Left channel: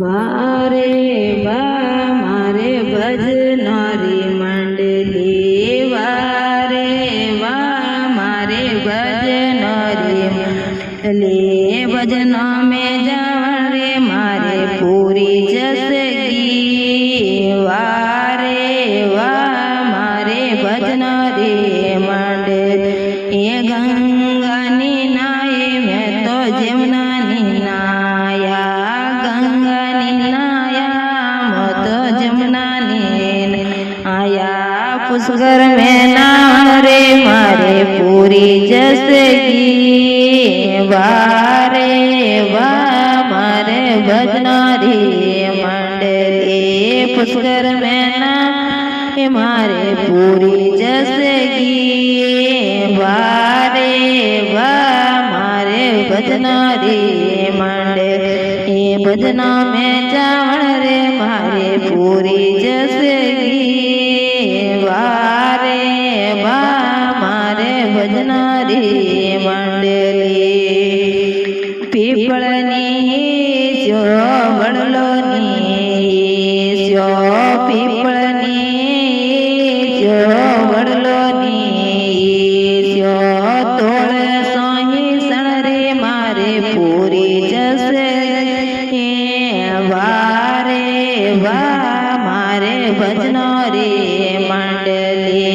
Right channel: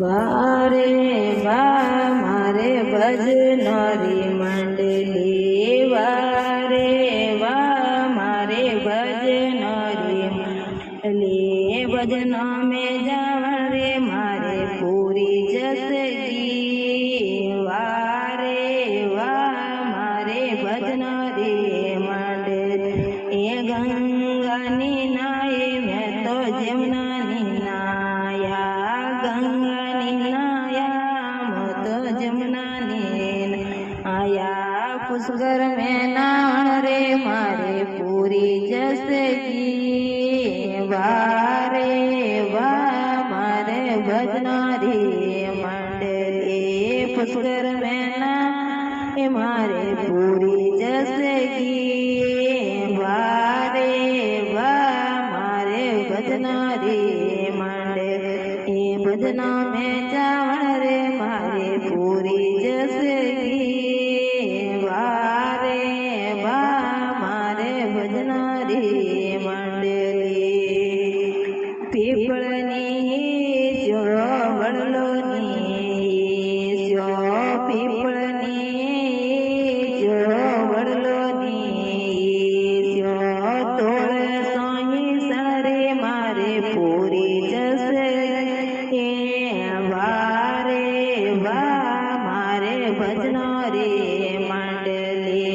વારે વા મારે ભજનારી મંડલી વારે વા મારે ભજનારી મંડલી ભજન में जावण रे मारे पूरी जसगी वारे वा मारे भजनारी मंडली ये गंगानी नाये मैं तो जमुनानी नाया गंगानी नाया मैं तो जमुनानी आया पुष्कर में नाव रे मारे पूरी जसगी वारे वा मारे भजनारी मंडली पुष्कर में नाम मारे पूरी जसगी वारे वा मारे भजनारी मंडली भजना में जावण रे मारे पूरी जसगी वारे वा मारे भजनारी मंडली पीपळनी स्यो वडलोनी स्यो पीपळनी स्यो वडलोनी स्यो तोळ सोही सण रे मारे पूरी जसे वारे वा मारे भजनारी मंडली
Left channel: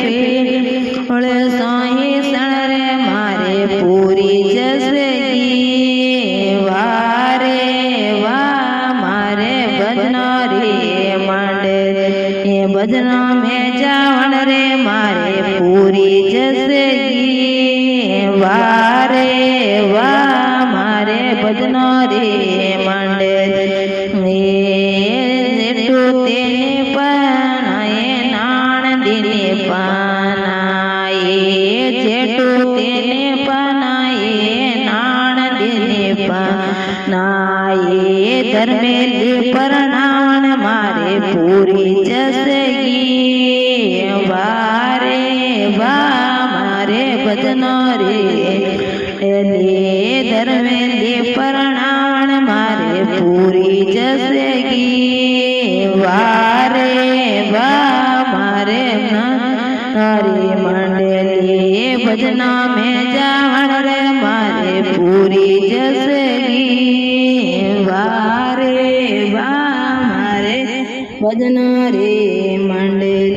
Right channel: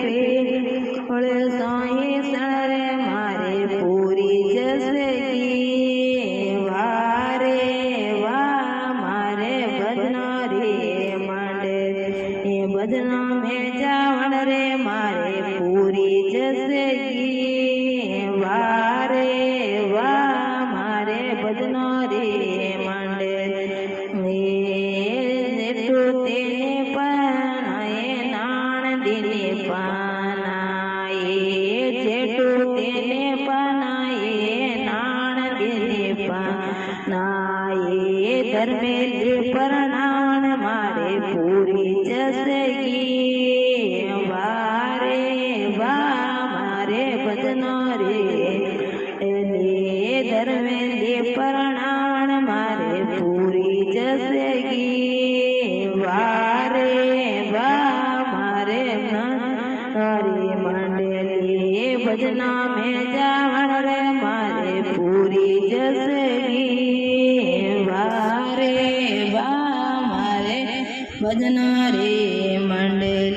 पीपळ सोही सण रे मारे पूरी जसे भजना में जावण रे मारे पूरी जसगी वारे वा मारे भजनारी मंडली जेठू तेने पनाए नाण दिने पनाए जेठू तेने पनाए नाण दिने पनाए धर्मेली परणावण मारे पूरी वारे वा मारे भजनारी धर्मेली परणावण मारे पूरी जसगी वारे वा मारे नारी मंडली भजना में जावण रे मारे पूरी जसगी वारे वा मारे भजनारी मंडली